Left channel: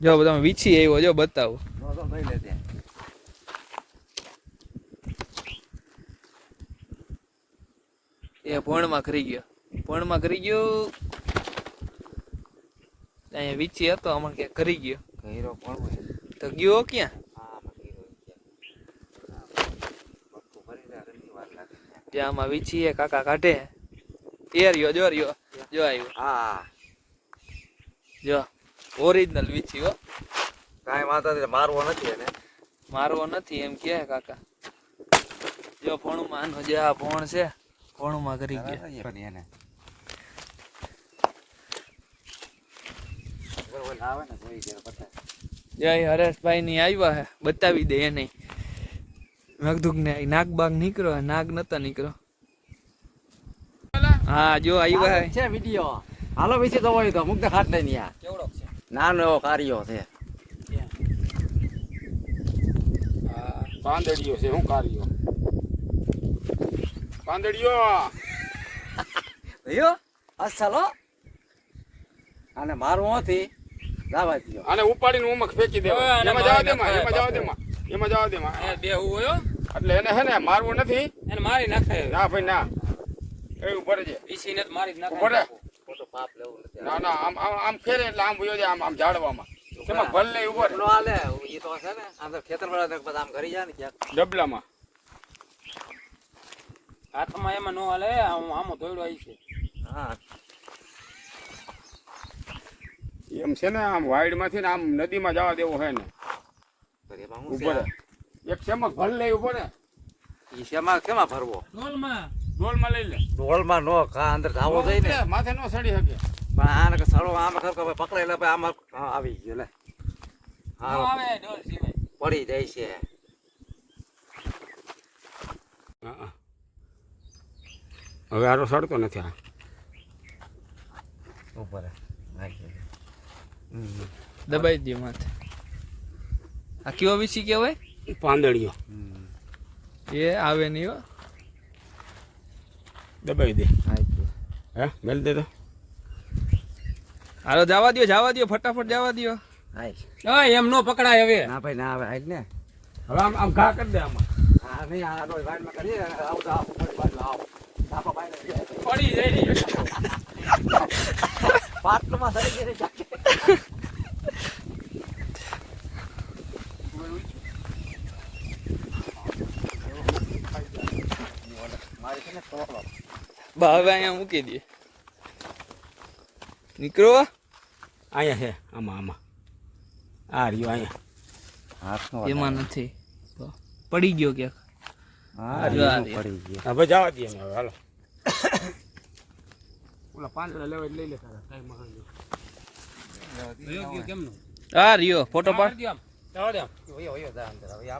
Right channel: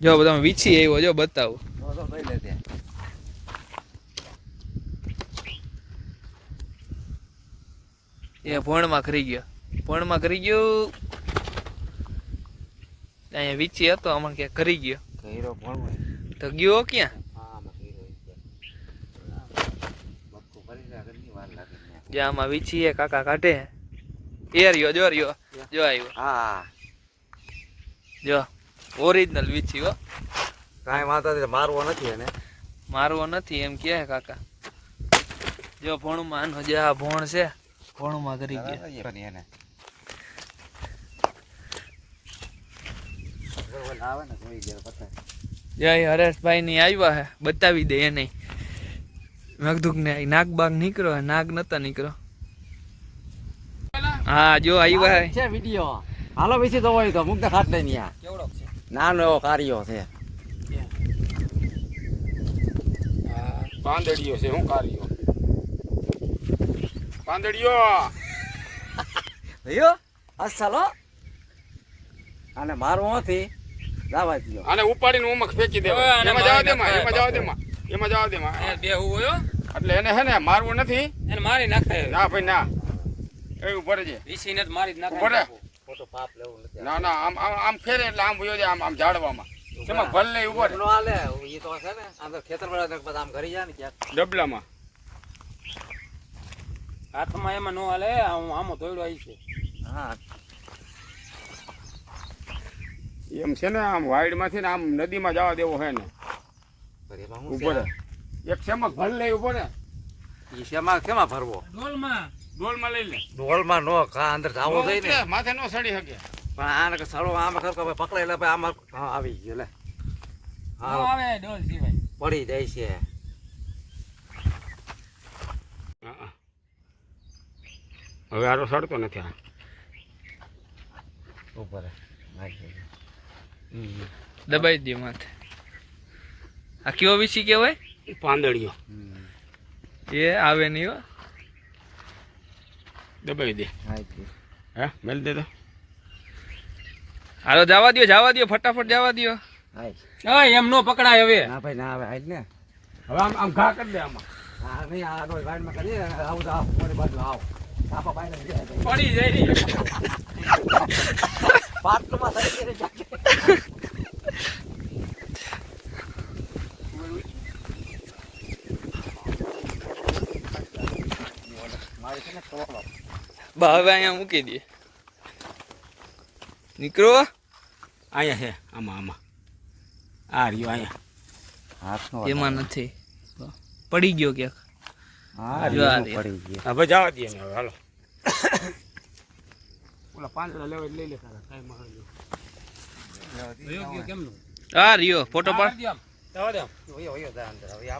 જો તમે વીછી આવ્યો જો બતાવો. એ ભણમાં કરી ગયો. ભણમાં કરી ગયો? અહીંયા વીછી હતો હમણાં ક્યાંક કરી ગયો. તો ગયો ક્યાં? જ્યાં આમાં વીછી એ કાકા કાઢે. એ રહ્યો જો રહ્યો જો આવ્યો. હા. જો ઓરિજિનલ વીછી હો. કાંઈ વાંધો નથી મારવો નથી એને. મારવો નથી એમ કે કાકા. જો ભણમાં આનો જે આ ભોણ છે ભણમાં કરી ગયો. એને. જય હરેશભાઈ ની આવ્યા હે બતાવી દે એને. મેઘદુક ને નાગ બાગ નીકળો નાગ નતા નીકળો હા જો આવ્યા છે વિડિયો. હાલો વિશે તો હોય તો મુક્ત ખાટ લઈ યા નાનો એવો કાર્યો છે. પાંદડીયો છે હું કાર્યો? પાંદડીઓ ભયો અસલો અને મારું નથી દાવા દીધો આને ઉપાડીને ઉમક ફેંકી દેવા. એમાં જવા દેમાં એમાં જવા દેમાં એમાં જવા દેમાં. બે હોય એટલે એને હે ને મારવું નથી. એને મારી નાખે ના ભાઈ ના. એ ઉપર છે ઈસી ને મારી જ ઉપર પાપ લેવું નથી. ના ના આમ આમ આમ ફેરે એટલે આમ ભયો આમ આમ ઝાડવામાં શેમાં ભલ લઈ ઊભો નો હાલે ઈ તો છે ને આમ તો ખેતર વાળા બધા આમ ઘરી જાય ને ક્યાંક. ડબલામાં. હાથમાં એમાં નો હાલે આમ આમ ધોઈડો આવી છે. હા. એમ છે ને આમ વાઈડમાંથી ને આમ નદીમાં જવા દેવો હે ને. એમાં હું એક શેમાં ભલ લઈ ઊભો ને શેમાં શેમાં ભરવો? ડોલમાં ડોલમાં લઈ લે. ડોલમાં નો કા અંદર જાવો જોઈએ ને માથે નો સડી શકે. પણ આને કે સળો આમાં પકડે એટલે ભાઈ આમાં હા આવી ગયો લે. હા આવે ડોલ પડી જાય છે. હવે આરો સડતો નથી આ. ઉપર દબાઈ દે માથે. આ કયો વીસી કહેવાય? પાંદડીયો. એ આવે નહીં હો. દબાઈ દે. હે મેલ દે તો. હાલો જવા દો જવા દો ફટાફટ જવા દો હા એમ નો પકડાય હવે. ના ભાઈ ના આવે હાલ ને. હવે આમ આમ ઘા કરી દે આમાં. હા નહીં આ ડોલ વાઈડમાં કરી આવું તો આવું આવો. સાપા બાઈને પડી જાય. મારી છે ને ટોળો. બા હવે અહીંયા મૂકી દે નીકળો અહીંયા છે આમાં આમાં. આ રહ્યો અહીંયા. હાથનો એમાં નથી. પડી ગયો ક્યાંક. હા આ પડી ગયું. હવે જવા દે હવે હાલો. ઓલા પાંદડા લેવા લઈ લે તારા આ રહ્યો ફોટો પાડ ઓયો, ઓયો, જા અંદર. હવે આ